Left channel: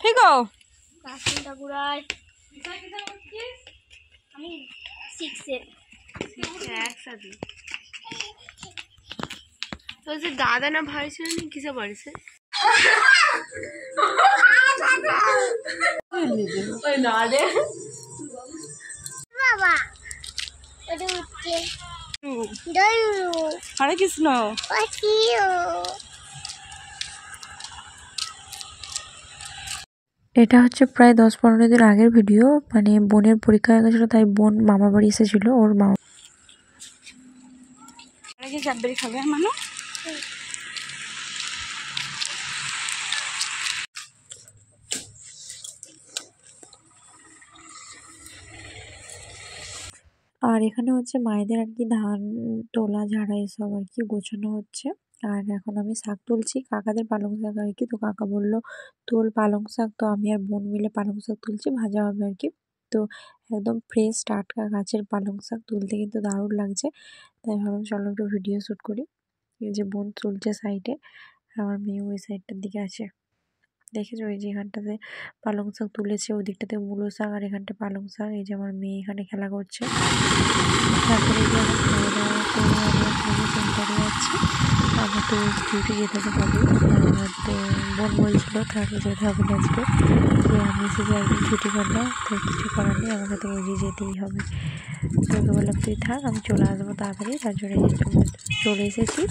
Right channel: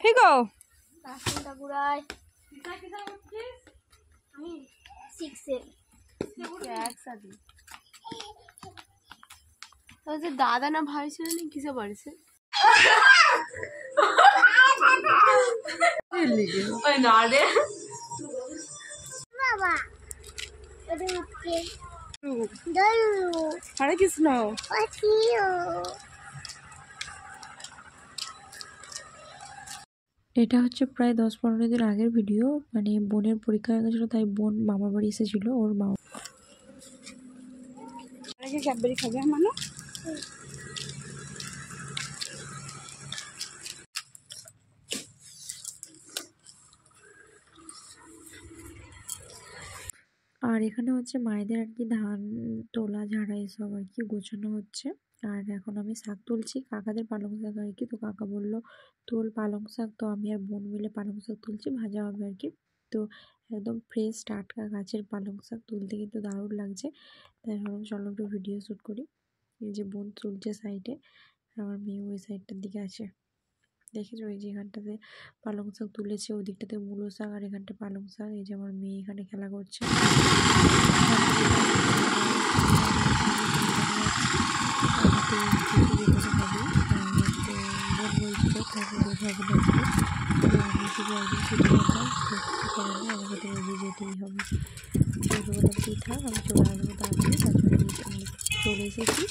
ফিকো বাসনটা গুড়াই আমি 6 এ একসাথে ওই যে দাদা না ভাই ছিল না কিসে পড়েছে ওই না রে বাবা ওটা উঠছে হরে কৃষ্ণ। এটা হচ্ছে প্রায় 10-15 দিন আগের ভিডিও। মানে বোনের পরীক্ষা হয়ে গেছিলো, তাই বোন মামা বাড়ি এসেছিলো। ওর মামা কি ক্যাডবেরি খাবে মানু? আর এখানে হচ্ছে মায়েদের আর কি ধান তোলা ঝাড়া এসব আর কি গোছানো হচ্ছে। আর এখন আমি শাক তুলছি, কাকাদের পালং শাক আর কি। তো কাকা বললো তোল পালং শাক, তো আমি আর বোন মিলে পালং শাক তুলছি, ভাজা হবে আর কি। তো একদম ফ্রেশ টাটকা গাছের পালং শাক তুলতে কিন্তু দারুণ লাগছে, তাই ভাবলাম চলো একটু ভিডিও শ্যুট করি। এই যে বোন তুলছে সাইডে, আমার মেয়ে ওই সাইডটার দিকে আছে। দেখেছো ওই যে এখানটাতে পালং শাক তুলেছে, ওই দিকটাতে মূলো শাক, আর এখানটা পালং শাক। এই যে আমার মেয়ে এখানে খেলা করছে। তারপরে ডিউটি যেতে হবে। বোন বলছিল তাহলে যেতে হবে আজকে, তো আমি শুধু একদিন ছুটি হবে, তো কিছু করার নেই, আমাকে তো রোজই যেতেই হবে। তো বললাম তুই থাক, আমি চলে আসবো তাড়াতাড়ি। তার জন্য চলে এসেছি।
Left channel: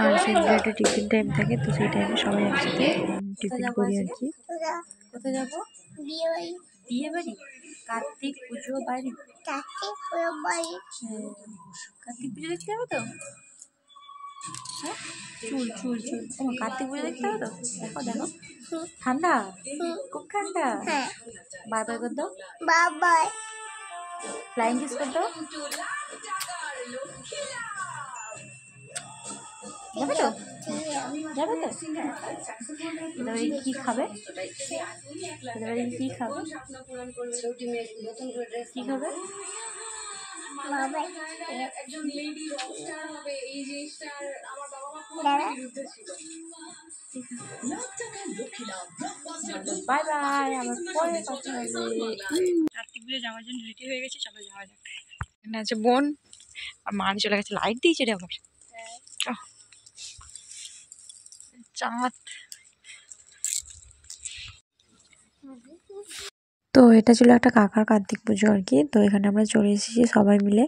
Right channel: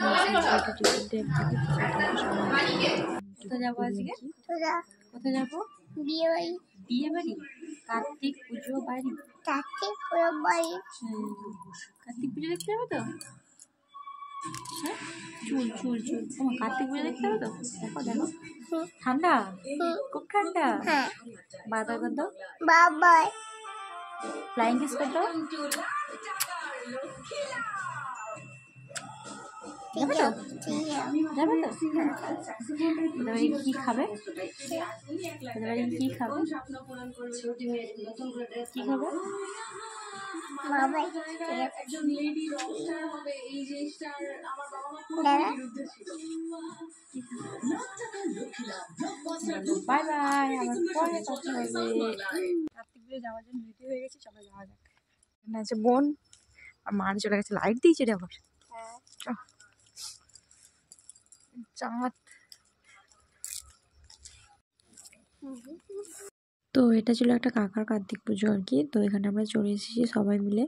আর সন্ধ্যা একটা টিফিন টাইম থাকে, তো সেই টাইমে সবাই একসাথে টিফিন করি আর কি। কোথায় যাবো? বিয়ে বাড়ি। বিয়ে বাড়ি? কার্তিক পুজো বাড়ি? কার্তিক পুরো বাড়ি। কার্তিক পুজো দেখতে যাবো তো? হ্যাঁ চুল চুল চুল ও কার্তিক পুজো দেখতে হবে তো। দেখো দেখো ঠান্ডা, খুব ঠান্ডা। বাই বাই কর দাও, বাবা ফ্লাইং কিস কর দাও। যাবে তো? যাবে তো? এবারে কি খাবে? এবারে কি খাবে? কি খাবে? বাবা বাই বাই, আবার পরে কথা হবে। কার্তিক পুজো যাওয়ার জন্য রেডি হয়ে গেছি, চলো যাওয়া যাক। এখানে আছে বোন আর মা চলে গেছে। লাইট দিয়েছে রে আবার চাঁদ। তো এটা ছিল একটা কাকার কার্তিক পুজো আর কি। তো এখানে আমরা চলে এসেছি সবাই মিলে।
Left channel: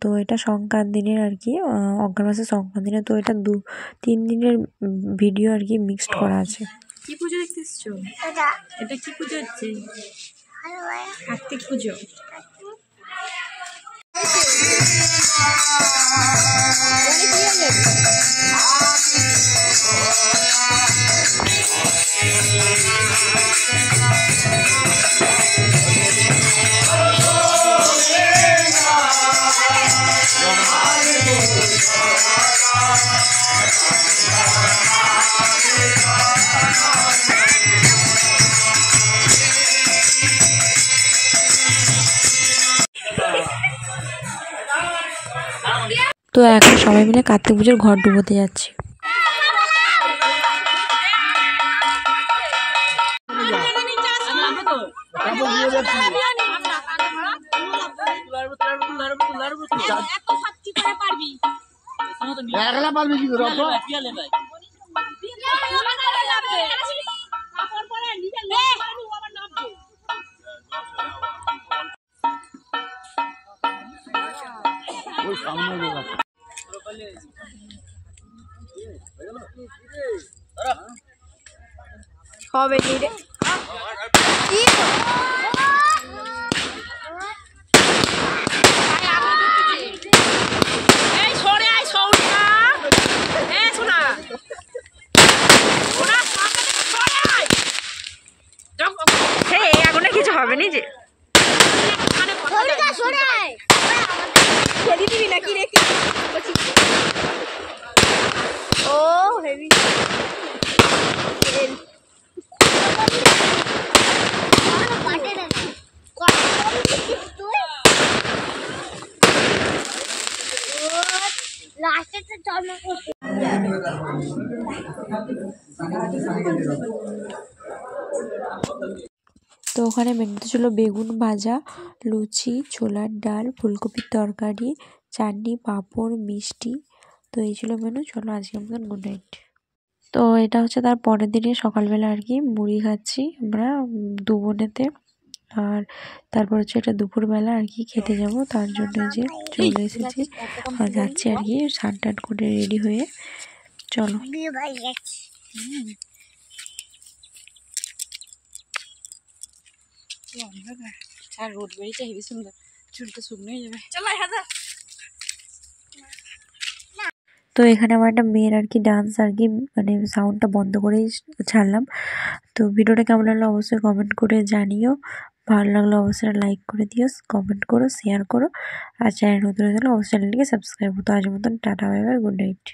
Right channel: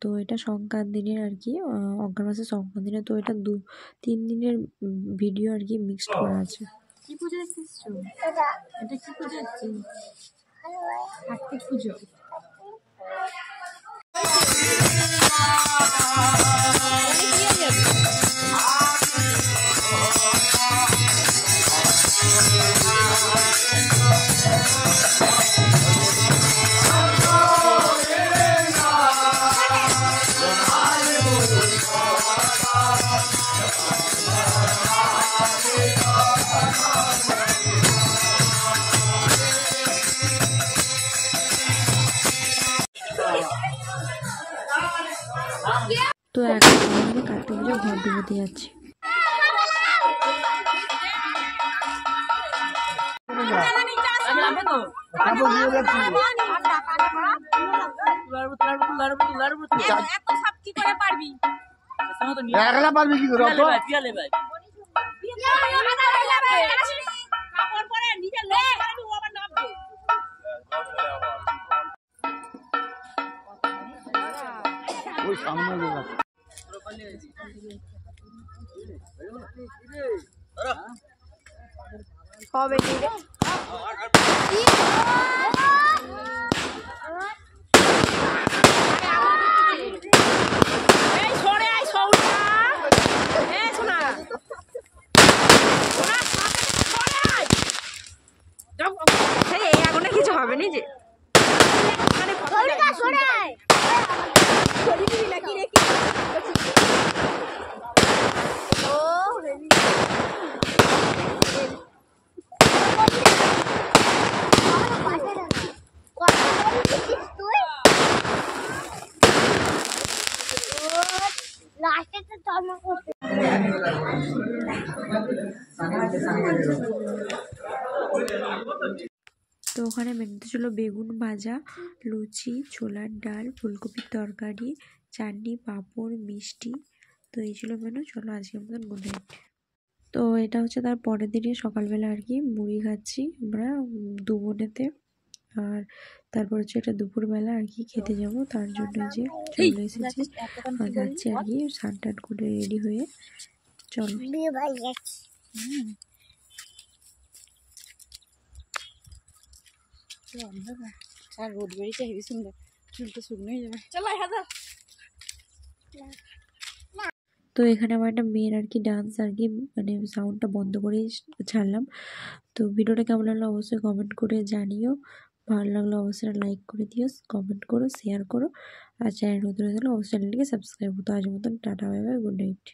তো এটা সংক্রান্তির আর কি, অগ্রহায়ণ মাসের সংক্রান্তির। তো এটা 2-3 দিনের ভিডিও আর কি মিক্সড করা আছে। কি পুজো দেখতে এসছো? এটা কি পুজো হচ্ছে? কার্তিক পুজো। তো এখন সবাই মিলে কার্তিক পুজোর ঘর ডুবোতে যাচ্ছি। হবে কি রে আগুনে কিছু হবে নি যে তো ওখানে মেনুতে ছিল বেগুন ভাজা, লুচি, ছোলার ডাল, ফুলকপির তরকারি, চাটনি, পাঁপড়, মিষ্টি। তো এই ছিল মেনু। চলো আজকের মতন গুড নাইট। তো এটা হচ্ছে তার পরের দিনে সকালবেলা আর কি মুড়ি খাচ্ছি আমরা দু বোনেতে। আর তারপর হচ্ছে এটা দুপুরবেলা আর কি খেতে যাব, তার জন্য যে চলে এসেছি আর যাচ্ছি আর কি স্নান টান করে রেডি হয়ে। চলো। বিয়ে বাড়ি যাচ্ছি। আর রোদ বেরিয়েছে হেবি সুন্দর, চুলটা শুকনো হয়ে যাবে। চলো হাজার। তো এখানে আমার একটা মেয়ের আর কি ডান্স আর কি মানে সাউন্ডটা বন্ধ করেই ছাড়লাম। তো ভিডিওটা কেমন লাগলো অবশ্যই কমেন্ট করে জানিও। ভালো লাগলো অবশ্যই লাইক করে দিও, কমেন্ট করো, শেয়ার করো। আর চ্যানেল নতুন হয়ে গেলে অবশ্যই চ্যানেলটিকে সাবস্ক্রাইব করো। তো আজকের মতন tata, bye bye, good night.